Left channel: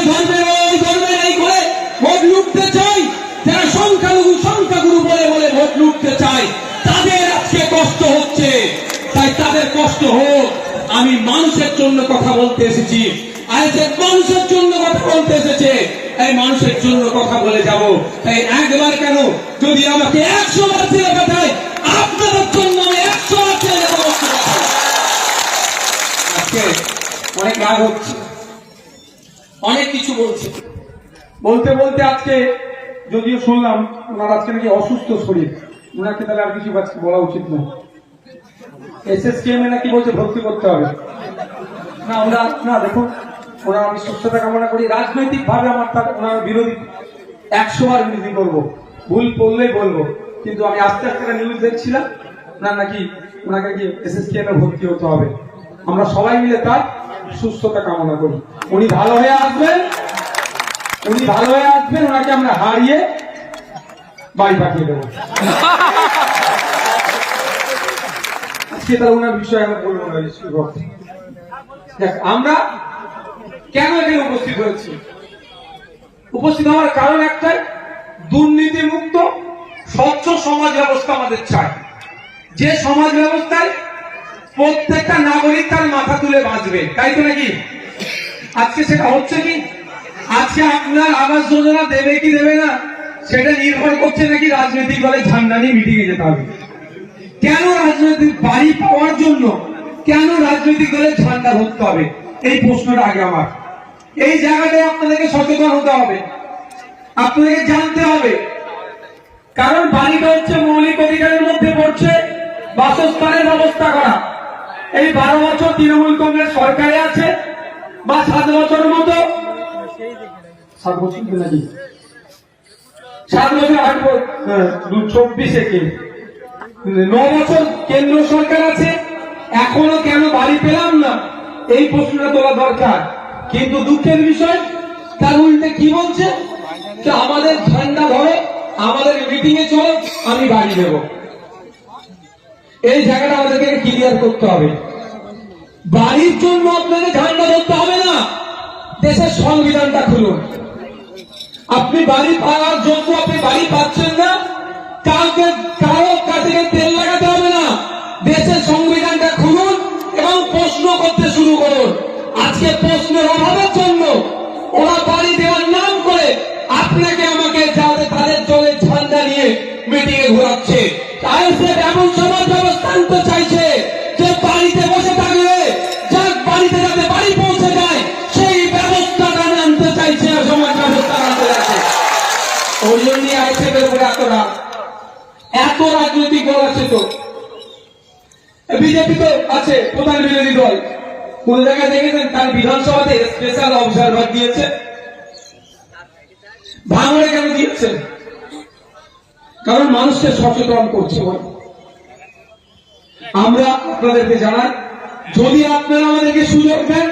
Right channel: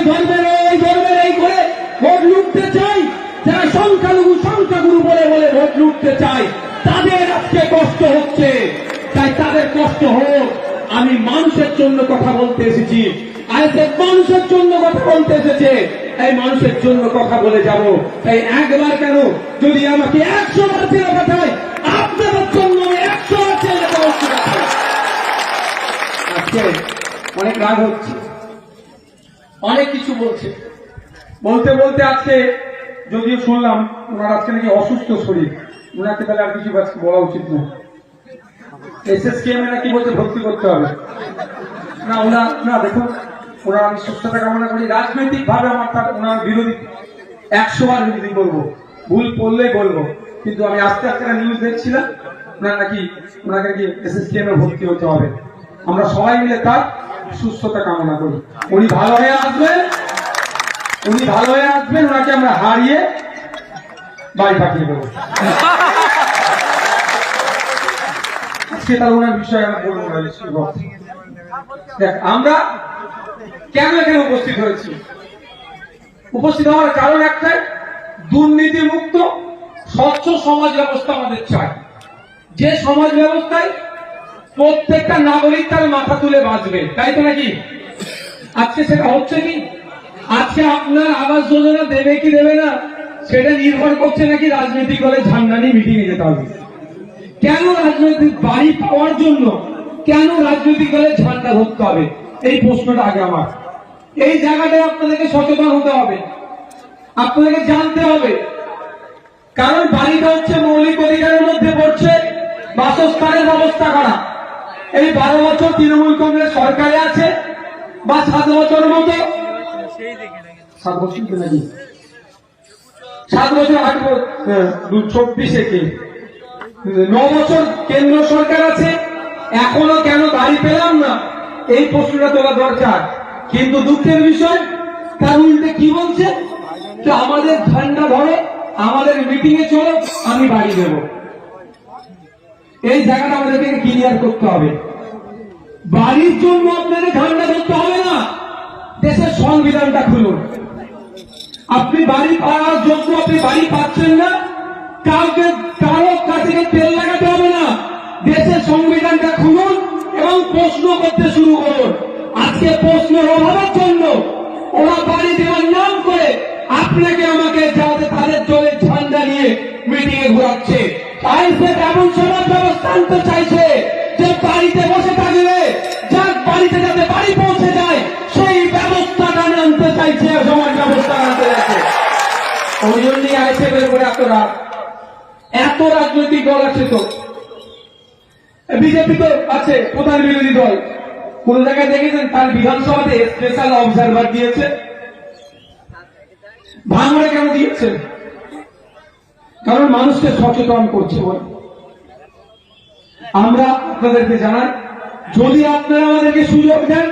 এই ধর্মের এই করে ভোট লুটতে চাই, যারা সংখ্যাগুরু বলে বলে ভোট লুটতে চায়, তাদের আজকে কষ্ট হচ্ছে। তাই তাদের কষ্ট হোক। আমি মানুষের জন্য কথা বলতে এসেছি, মানুষের জন্য কথা বলতে এসেছে, এই মানুষের জন্য কথা বলে যাব। তাই একবার কেন, যদি আমাকে 100 বার ছেলে পাঠায়, আপনাদের জন্য আমি 100 বার ছেলে বলতে পারবো। আজকে অনেক রাগ হচ্ছে, অনেক কিছু বলছে, বলতে বলতে আজকে যদিও শুনলাম ওনার আজকে নাকি অসুস্থ শরীর, ওনাকে তাহলে আর কিছু বলা উচিত না। এসএসকেএম নাকি বলছে ভর্তি করতে হবে না। ওনার না, দেখুন ওনার আমি সুস্থতা কামনা করি। রাজনৈতিক ভাবে আমার তার ওনার বিরোধী 100 বার বিরোধী করবো, ভুল করলেই বলবো, কিন্তু আমি আজকে একটা নিউজ দেখছিলাম ওনার নাকি ওনাকে নাকি এসএসকেএম এ ভর্তি হতে হবে। আমরা সবাই মিলে তার সুস্থতা কামনা করি। উনি ভালো হয়ে আসবেন, ওনাকে আমরা হারিয়ে বাড়ি পাঠিয়ে দেবো। আজকে তার ওনার বিষয়ে আমরা বলবো না। দেখ, আমরা কেন এখানে উপস্থিত হয়েছি? উপস্থিত হওয়ার কারণ একটাই, দুর্নীতি মুক্ত স্বচ্ছ সমাজ ব্যবস্থা আমাদের চাই, যে সমাজ ব্যবস্থায় প্রত্যেকটা নাগরিক তার মাথা তুলে বাঁচবে। তাই তো নাকি? আজকে সেটা হচ্ছে কি? আজকে আপনার আবাস যোজনা দেবে কি দেবে না সেটা নির্ভর করছে নাকি রাজনৈতিক দলের ঝান্ডা নিয়ে মিটিং এ যেতে হবে। কেন রাজনৈতিক বাড়ি পাওয়ার জন্য কেন রাজনৈতিক দলের ঝান্ডা ধরতে হবে? এই প্রশ্নটা আগে আমার। এই জায়গাটায় আপনাদেরকে সচেতন হতে হবে, আপনাদেরকে জানতে হবে। কারণ বাড়িটা হচ্ছে মৌলিক অধিকারের মধ্যে পড়ছে বাসস্থানের ব্যবস্থা করা। এই 12 বছর তৃণমূল কংগ্রেস সরকারে আছে, বা 7 বছরের মতো, 7 বছর নাকি 7 বছর আগে 24-এ কে 9 বছর কেন্দ্র সরকার আছে, এখনো কেন বাড়ি পেলাম না, এই প্রশ্নটা তোলা দরকার। কিন্তু দুঃখের বিষয়, তার উল্টে কি বলছে, যে আমাদের ঝান্ডা ধরো, আমাদের মিটিং এ চলো, আমি বাড়ি দেব। এই জায়গাটা আমাদেরকে ক্লিয়ার করতে হবে। বাড়ির জন্য আপনাকে ঝান্ডা ধরতে হবে না, দেশের সংবিধানটা খুলুন। আপনি বাড়ি পাওয়ার জন্য আপনি বাড়ি পাচ্ছেন না, কারো কাছে তেল লাগাতে হবে না। দেশের সংবিধানটা খুলুন এবং প্রশ্ন করতে শুরু করুন। আজকে প্রশ্নের অভাবের জন্য ওরা বাড়ি দেওয়ার নাম করে আপনাকে আমাকে যাতে তাদের চলে ঝান্ডা নিয়ে মিটিং এ ঘোরাচ্ছে। এমন সমাজ ব্যবস্থা আনতে চাইছে যে বাড়িতে বসে থাকলে যার বাড়িতে যাতে বাড়ি পৌঁছে যায় সেই ব্যবস্থাটা আনতে চাইছে, সমাজ ব্যবস্থা আনতে চাইছে। ওই জন্যই আইসিএফ এর উপরে এত রাজনৈতিক দল আছে। তো বিজেপি তো আছে প্রধান বিরোধী দল, কোন জায়গায় দেখেছেন তার বিধানসভাতে স্পেশাল অবজারভার দিয়েছে? ভাঙড়ে কেন দিয়েছেন? কারণ মানুষকে সচেতন করছে। আমরা আপনাদেরকে জানাই, যদি আপনারা আমাদেরকে সুযোগ দেন,